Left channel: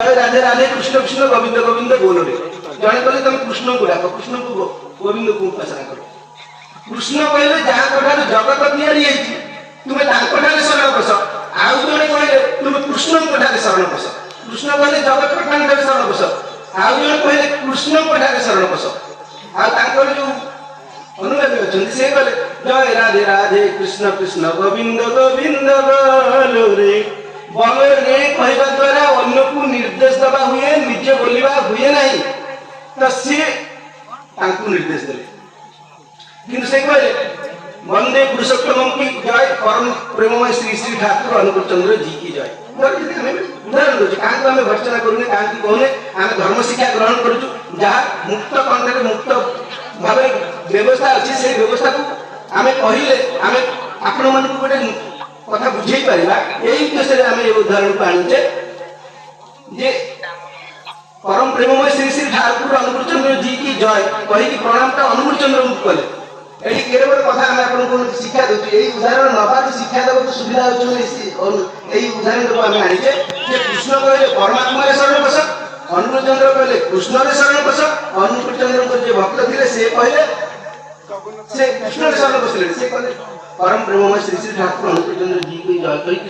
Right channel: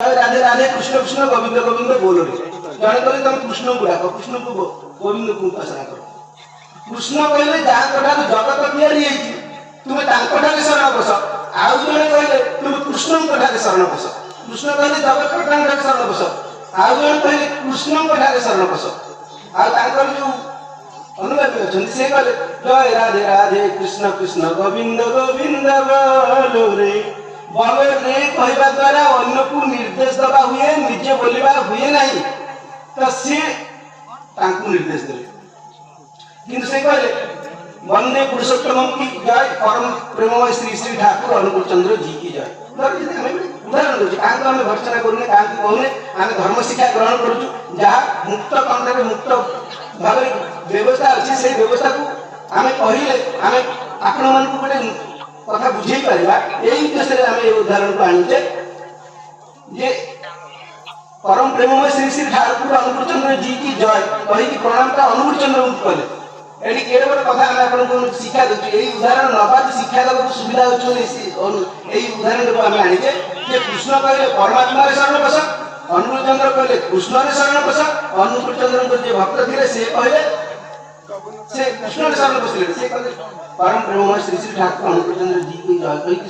राधे राधे कृष्ण कृष्ण गोविंद गोविंद बोलो रे जने कहले तुम कृष्ण को डाको कृष्ण को गोविंद को उपासना करो कृष्ण कहले जहाँ ठार जगत तैयारी होती तुम्हें ठार शरण बस आउ जने कहले तुम कृष्ण ठार शरण बस कृष्ण कहले जगत ठार शरण बस आउ जने कहले कृष्ण ठार शरण बस आउ जो अनुगामी अच्छा से कहले जय राधे राधे कृष्ण कृष्ण गोविंद गोविंद बोलो रे बोलो रे कहवा द्वारा अन्य को निर्देश दबा हुए निजे बोलवा हुए नहीं तो सी निर्देश देले किंतु से कहले वंदे पुरुषोत्तम की जय परम प्रेममय श्री श्री ठाकुर अनुकूल चंद्र जी की जय उदाहरण दूसरे क्या आम भर्सना करूने क्या कहने आम धर्म शिक्षा ग्रहण करूँ जहाँ मुक्त कंठे मुक्त भाव व्यवस्था अच्छी से व्यवस्था को आम कहले आम आपण मन को गोटे कथा बुझे पारा यही उद्देश्य से आम ये उदाहरण को आनीचे जे परम प्रेममय श्री श्री ठाकुर अनुकूल चंद्र जी की जय कही प्रणाम का अनुकूल चंद्र कले ये केवल कथा आम आपको शिक्षा दूसरी यही उदाहरण नवा शिक्षा देवा सुविधा होती उदाहरण को आम आनीचे जे कृष्ण कहले परमात्मा शरण बस अनुकूल चंद्र कहले कृष्ण शरण बस अनुकूल चंद्र जो भक्त थे से कहले से कृष्ण शरण बसले से कहले परम प्रेममय श्री श्री ठाकुर अनुकूल चंद्र जी की जय कही